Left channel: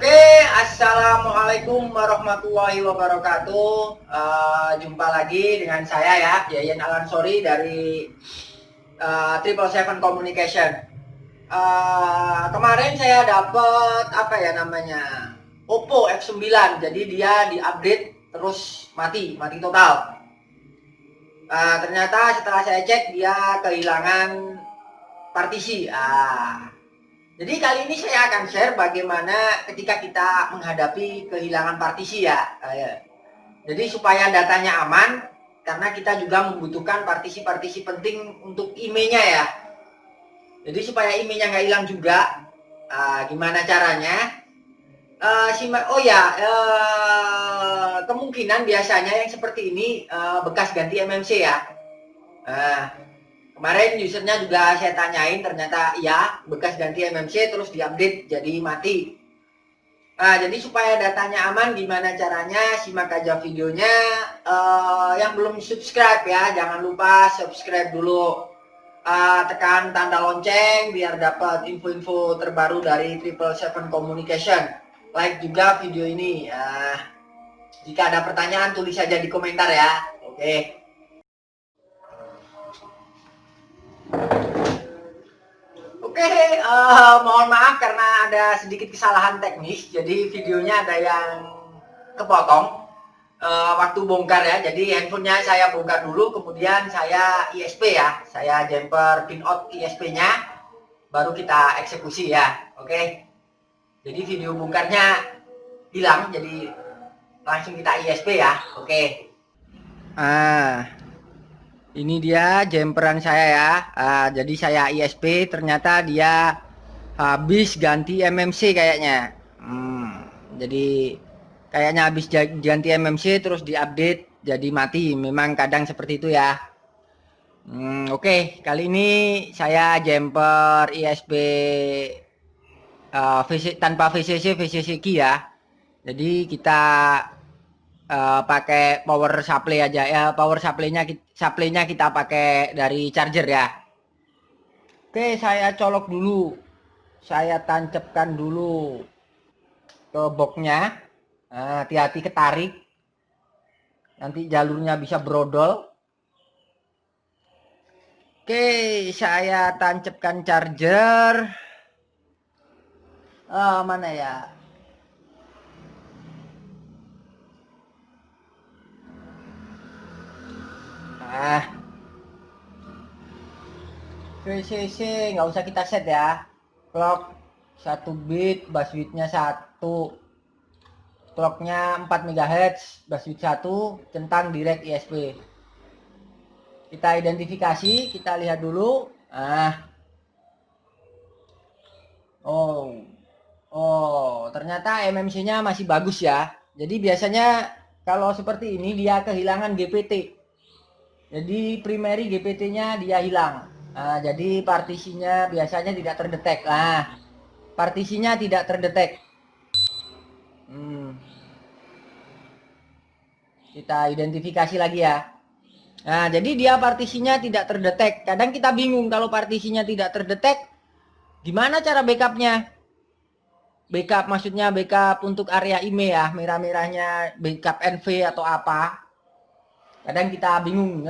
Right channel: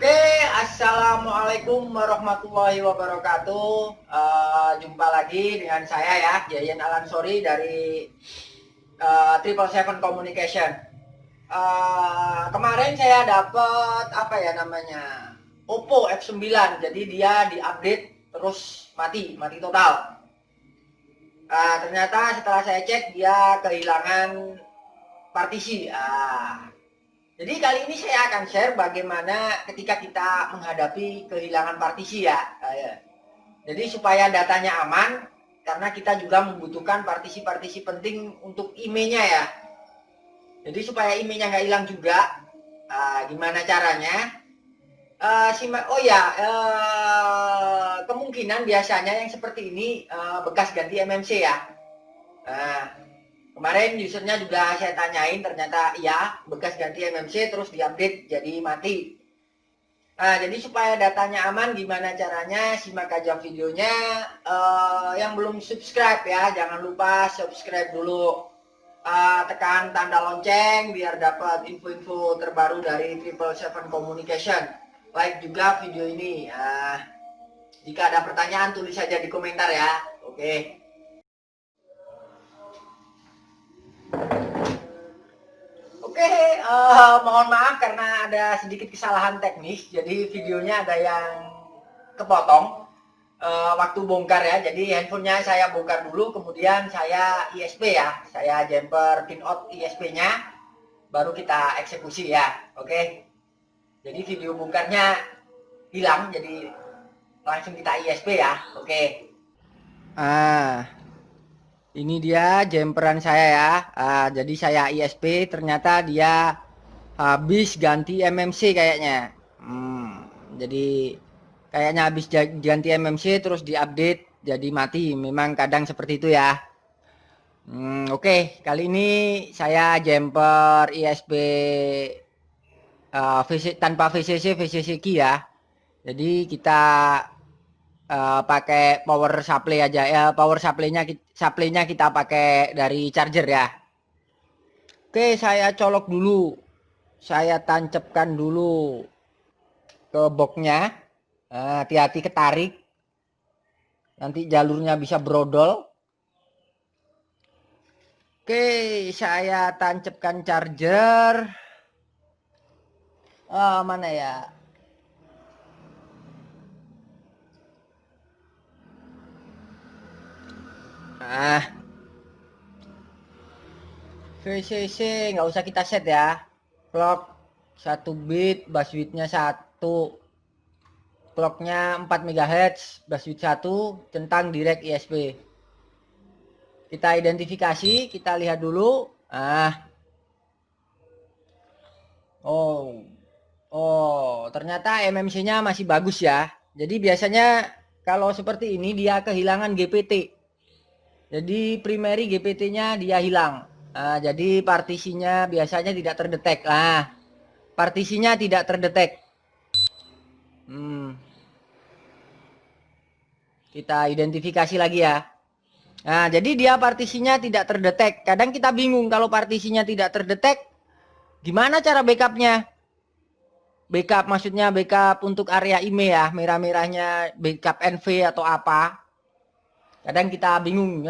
Oke, assalamualaikum warahmatullahi wabarakatuh. Jumpa lagi dengan saya ya, Yayan Alansori dari Triple Seven Communication. Kemarin saya dapat apa ya namanya Oppo F9, jadi dia diupdate terus mati total. Ternyata setelah saya cek dia kehilangan partisi. Jadi kali ini saya akan share bagaimana ketika kita menghadapi kehilangan partisi ya. Jadi supaya datanya aman, karena kita juga membutuhkan partisi-partisi penting untuk emailnya ya. Jadi supaya emailnya nggak hilang juga, gimana caranya? Kemungkinan biasanya yang seperti ini bekas ganti MMC ya. Kemarin usernya juga saya tanyain, ternyata iya bekas ganti MMC terus diupdate jadi mati. Jadi supaya datanya aman gimana caranya, simak aja videonya. Yang belum subscribe ya, jangan lupa subscribe dulu. Tekan tanda lonceng biar dapat info-info terbaru dari Triple Seven Communication. Like juga video ini. Jika ada pertanyaan tulis saja di komentar ya. Oke. Oke, mohon maaf karena ada sedikit kesalahan teknis, jadi videonya ada yang kepotong waktu bongkar ya. Jadi handphonenya saya bongkar dulu, kemudian saya ISP ya, saya jumper pinout ISP-nya, baru kita eksekusi ya. Oke, jadi video bongkarnya hilang, jadi langsung kita ISP ya. Oke. Ini dia jumperan saya ya. Jadi saya ISP, ternyata dia habis ganti MMC kayaknya. Jadi kayaknya habis ganti MMC terus diupdate jadi mati. Memang kadang seperti itu ya. Oke, kali ini saya jumper ISP tanpa VCC key ya. Jadi kita pakai power supply aja ya. Power supply-nya kita pakai dari charger ya. Oke, saya colok dulu. Saya tancapkan dulu ke boxnya. Hati-hati ketarik. Nanti jalurnya bisa brodol. Oke, saya tancapkan charger. Mana ya? VCC nggak usah kita set ya. Clock 1 bit, bus width-nya 1. Clocknya 4 MHz, bus width 1, centang direct ISP. Kita identifikasi, kita lihat dulu. Ternyata MMC-nya masih bagus ya. Jadi biasanya kalau seperti ini dia kehilangan GPT. Jadi primary GPT-nya dia hilang. Jadi partisinya biasanya tidak terdetek. Partisinya tidak terdetek. Kita identifikasi lagi ya. Jadi dia partisinya tidak terdetek. Kadang kita bingung kalau partisinya tidak terdetek, gimana cara backupnya? Backup maksudnya backup untuk area email ya, merah-merahnya backup NV atau apa. Kadang kita bingung.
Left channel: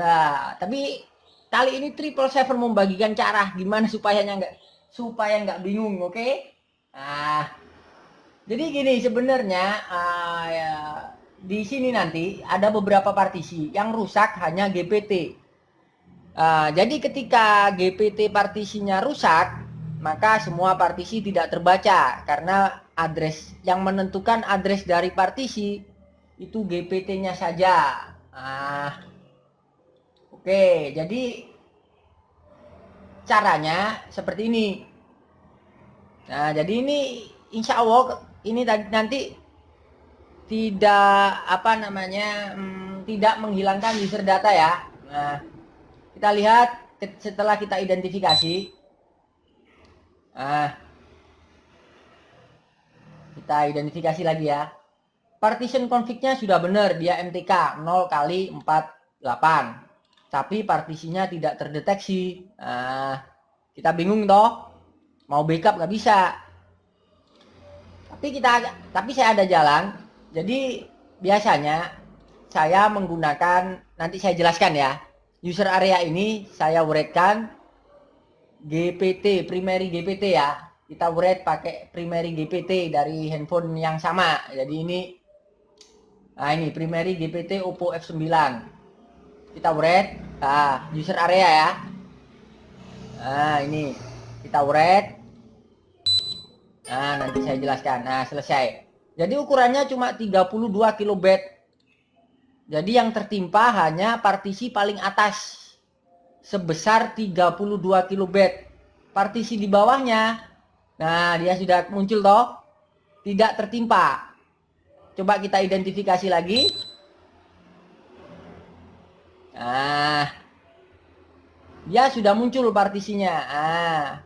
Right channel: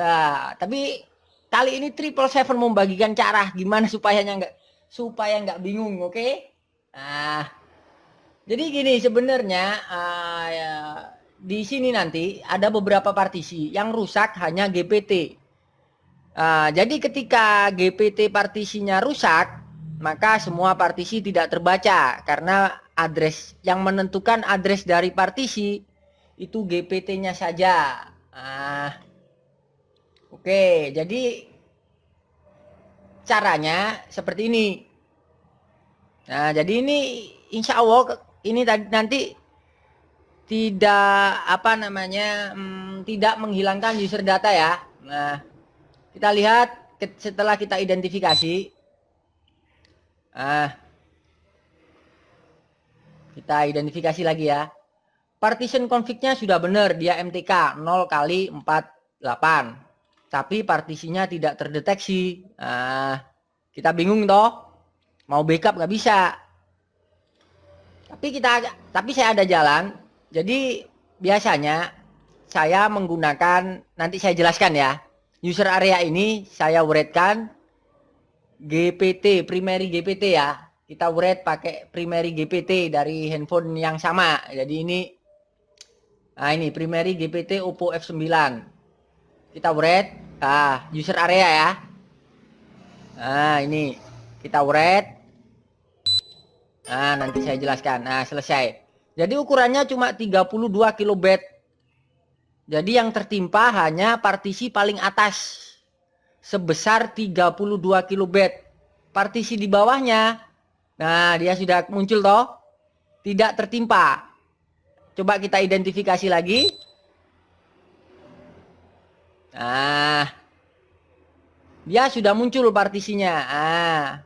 Tapi kali ini Triple Seven membagikan cara gimana supaya nggak bingung, oke? Jadi gini sebenarnya ya, di sini nanti ada beberapa partisi yang rusak hanya GPT. Jadi ketika GPT partisinya rusak, maka semua partisi tidak terbaca karena address yang menentukan address dari partisi itu GPT-nya saja. Oke, jadi caranya seperti ini. Jadi ini insya Allah ini nanti tidak tidak menghilangkan user data ya. Kita lihat setelah kita identifikasi. Kita identifikasi lagi ya. Partition config-nya sudah benar, dia MTK 0x48. Tapi partisinya tidak terdeteksi. Kita bingung toh. Mau backup nggak bisa. Tapi saya ada jalan. Jadi biasanya saya menggunakan, nanti saya jelaskan ya. User area ini saya uretkan GPT, primary GPT ya. Kita uret pakai primary GPT dari handphone yang sama. Jadi ini primary GPT Oppo F9. Kita uret, user area ya. Nah, ini kita uret. Nah, nanti saya jelaskan. Nah, selesai. Jadi ukurannya cuma 32 kilobit. Jadi yang tertimpa hanya partisi paling atas sebesar 32 kilobit. Partisi di bawahnya, nah dia sudah muncul toh, tidak tertimpa. Coba kita identifikasi lagi. Nah, dia sudah muncul partisinya. Nah,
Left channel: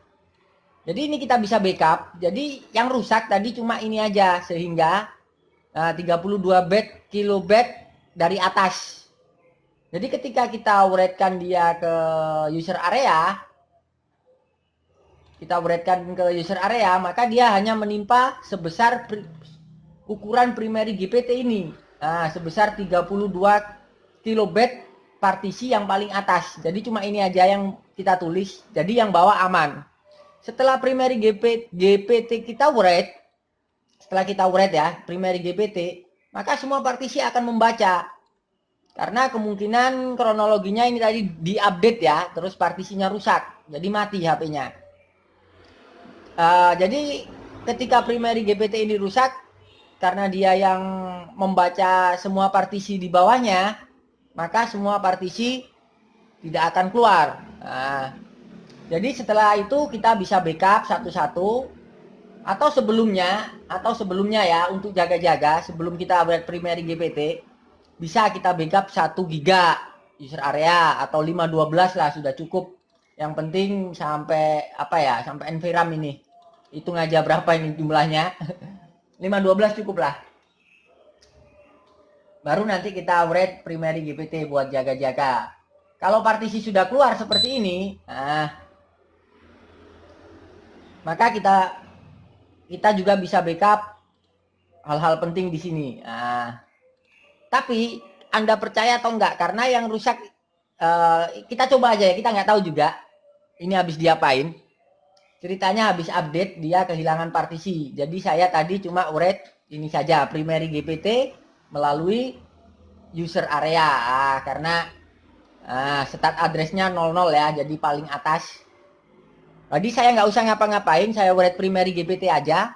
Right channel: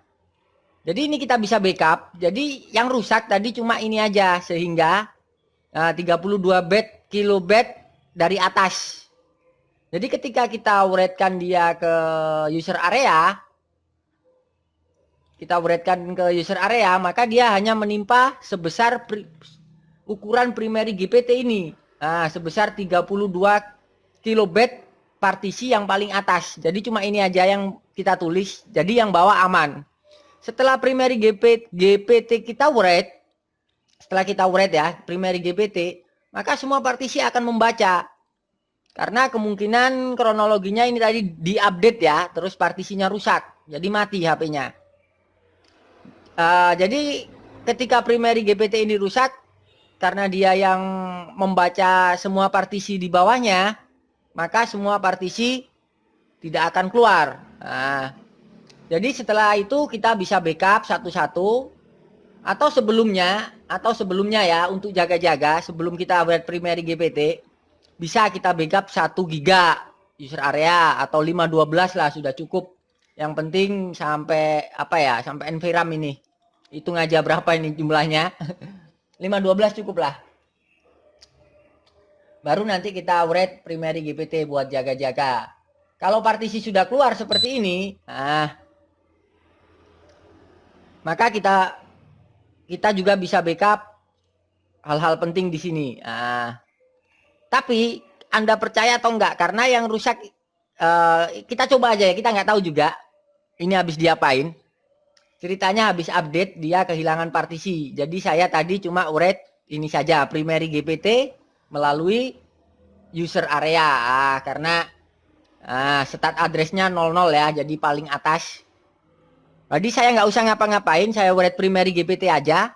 jadi ini kita bisa backup. Jadi yang rusak tadi cuma ini aja, sehingga 32 kilobit dari atas. Jadi ketika kita uretkan dia ke user area, maka dia hanya menimpa sebesar ukuran primary GPT ini. Nah, sebesar 32 kilobit partisi yang paling atas. Jadi cuma ini aja yang kita tulis. Jadi yang bawah aman. Setelah primary GPT kita uret, setelah kita uret ya, primary GPT, maka semua partisi akan membaca. Karena kemungkinan kronologinya ini tadi diupdate ya, terus partisinya rusak, jadi mati HP-nya. Jadi ketika primary GPT ini rusak, karena dia yang membaca semua partisi di bawahnya, maka semua partisi tidak akan keluar. Jadi setelah itu kita bisa backup satu-satu, atau sebelumnya ya, untuk jaga-jaga sebelum kita buat primary GPT, bisa kita backup 1 giga user area atau 512 lah sudah cukup. Yang penting sampai sampai enviram ini. Hitung aja berapa ini jumlahnya. 512 cukup lah. Baru nanti kita uret primary GPT buat jaga-jaga. Kalau partisi sudah keluar seperti ini, maka kita juga bisa backup hal-hal penting di sini. Tapi Anda percaya atau enggak? Karena yang rusak kita coba aja ya, kita nggak tahu juga ini habis diapain. Ceritanya habis update dia kehilangan partisi. Jadi saya tadi cuma uret ini saja, primary GPT melalui user area. Karena start addressnya 00 ya, jadi paling atas. Jadi saya nggak usah ngapa-ngapain, saya uret primary GPT aja.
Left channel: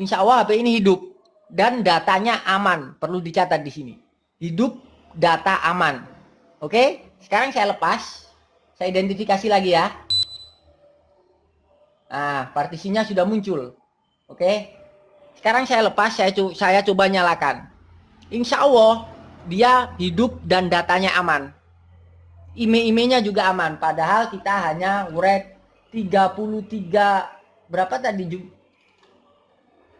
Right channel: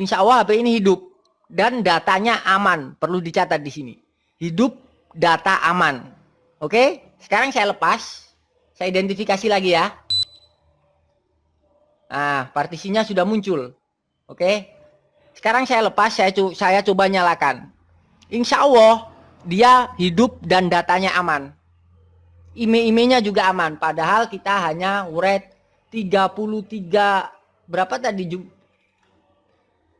Insya Allah HP ini hidup dan datanya aman. Perlu dicatat di sini. Hidup, data aman. Oke, sekarang saya lepas. Saya identifikasi lagi ya. Partisinya sudah muncul. Oke. Sekarang saya lepas, saya coba nyalakan. Insya Allah dia hidup dan datanya aman. IMEI-nya juga aman. Padahal kita hanya uret 33 berapa tadi?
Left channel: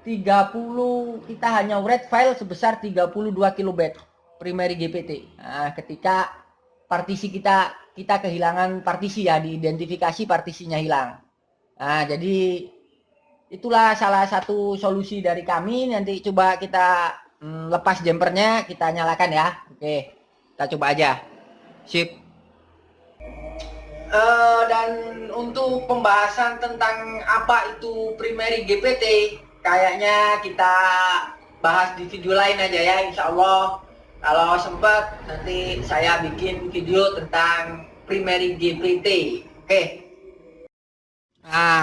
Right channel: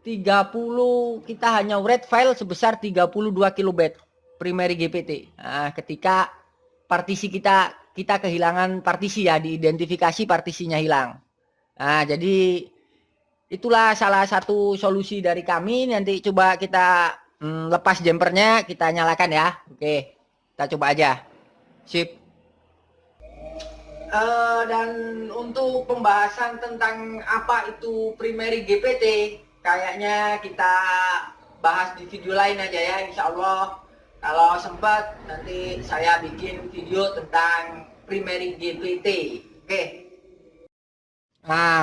30, kita hanya uret file sebesar 32 kilobit primary GPT. Ketika partisi kita kehilangan partisi ya, diidentifikasi partisinya hilang. Jadi itulah salah satu solusi dari kami. Nanti coba kita lepas jumpernya, kita nyalakan ya. Oke, kita coba aja. Sip. Dan untuk pembahasan tentang apa itu primary GPT, kayaknya kita bahas di video lain aja ya, insya Allah. Kalau sempat nanti saya bikin video tentang primary GPT. Oke.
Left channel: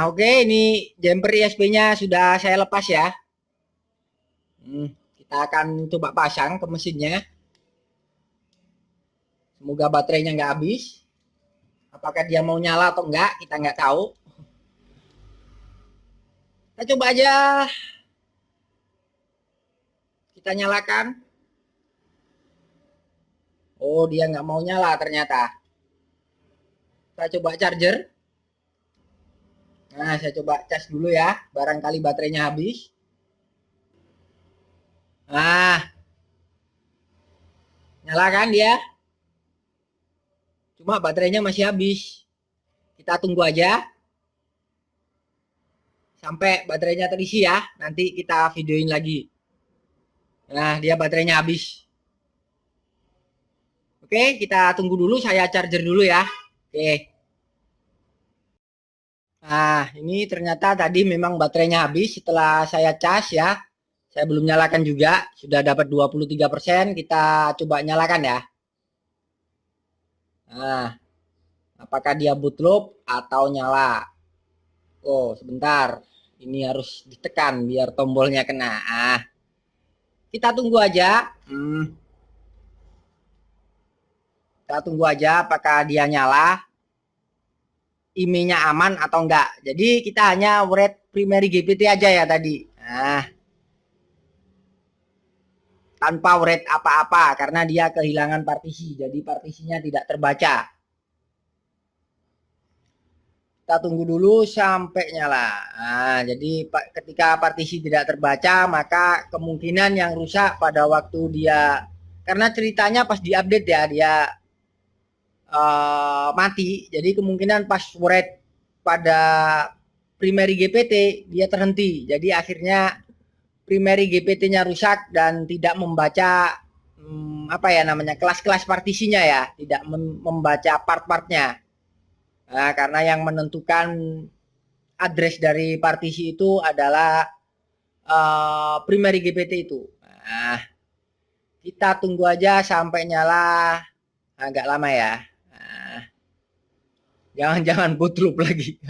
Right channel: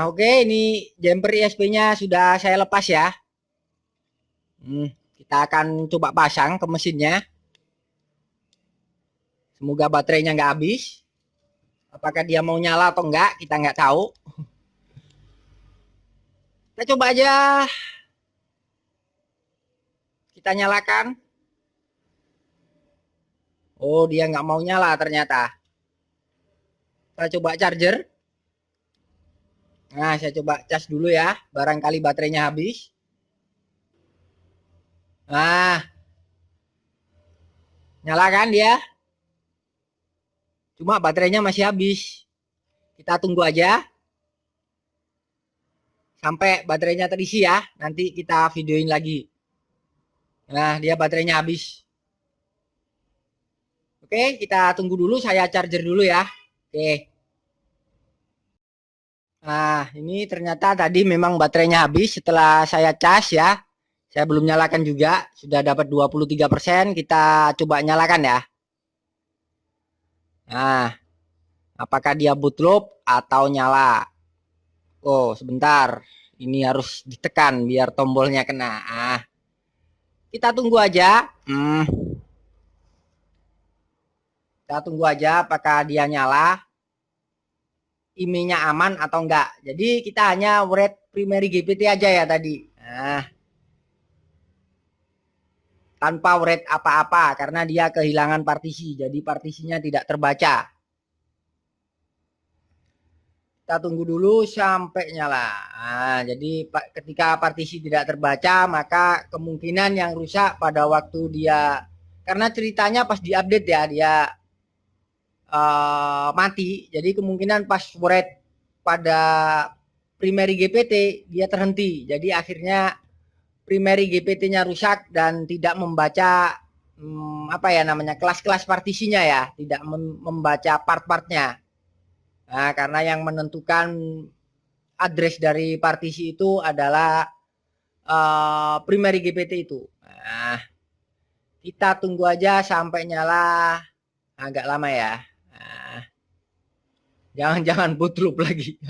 Oke, ini jumper ISP-nya sudah saya lepas ya. Kita akan coba pasang ke mesinnya. Semoga baterainya nggak habis. Apakah dia mau nyala atau enggak, kita nggak tahu. Kita coba aja. Kita nyalakan. Oh, dia nggak mau nyala ternyata. Kita coba charger. Saya coba cas dulu ya. Barangkali baterainya habis. Nyala kan dia? Cuma baterainya masih habis. Kita tunggu aja. sampai baterainya terisi ya. Nanti kita videoin lagi. Nah, dia baterainya habis. Oke, kita tunggu dulu, saya charger dulu ya. Oke. Nah, ini ternyata tadi memang baterainya habis setelah saya cas ya. Saya belum nyalakan juga, sudah dapat 23%. Kita coba nyalakan ya. Nah, apakah dia bootloop atau nyala? Oh, sebentar. Ini harus ditekan biar tombolnya kena. Kita tunggu aja. Kita tunggu aja apakah dia nyala. IMEI-nya aman atau enggak. Jadi kita hanya write primary GPT aja ya tadi. Nah, tanpa write apa-apa karena dia kehilangan partisi. Jadi partisinya tidak terbaca. Kita tunggu dulu sampai nyala. Nah, jadi ketika partisi tidak terbaca, maka kemungkinan yang rusak pada waktu dia, karena ceritanya pas diupdate ya, dia mati. Jadi kemungkinan pas write pada primary GPT dia terhenti. Jadi akhirnya primary GPT-nya rusak dan tidak membaca apa ya namanya, kelas-kelas partisinya ya, tidak membaca part-partnya. Nah, karena yang menentukan address dari partisi itu adalah primary GPT itu. Nah, kita tunggu aja sampai nyala, agak lama ya. Nah, jangan bootloop lagi.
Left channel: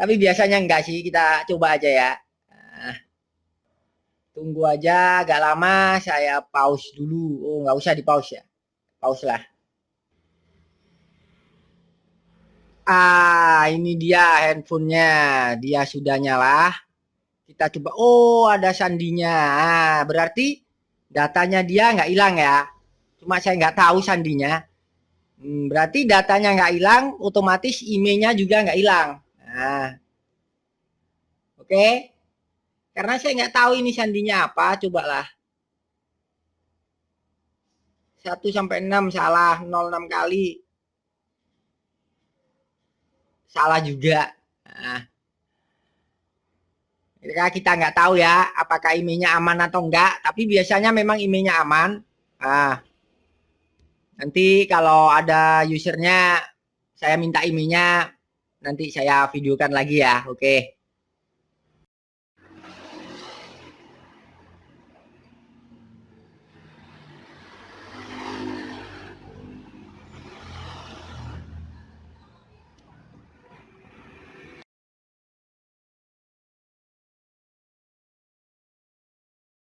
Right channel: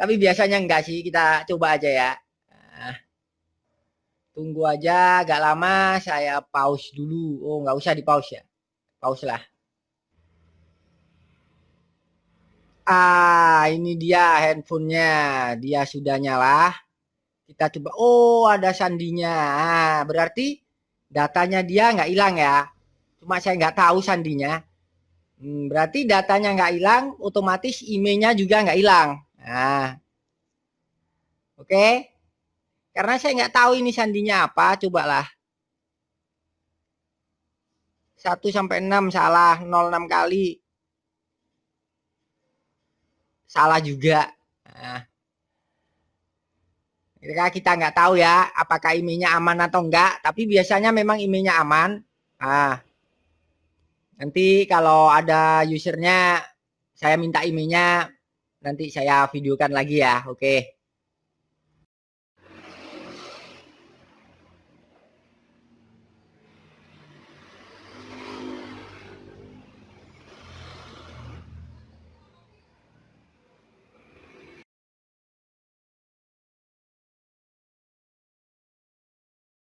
Tapi biasanya enggak sih, kita coba aja ya. Nah, tunggu aja agak lama, saya pause dulu. Oh, nggak usah di pause ya. Pause lah. Ini dia handphonenya. Dia sudah nyala. Kita coba. Oh, ada sandinya. Berarti datanya dia nggak hilang ya. Cuma saya nggak tahu sandinya. Berarti datanya nggak hilang, otomatis IMEI-nya juga nggak hilang. Nah, oke. Karena saya nggak tahu ini sandinya apa, cobalah. 1 sampai 6 salah, 06 kali. Salah juga. Nah, kita nggak tahu ya apakah IMEI-nya aman atau enggak, tapi biasanya memang IMEI-nya aman. Nah, nanti kalau ada usernya saya minta IMEI-nya, nanti saya videokan lagi ya. Oke.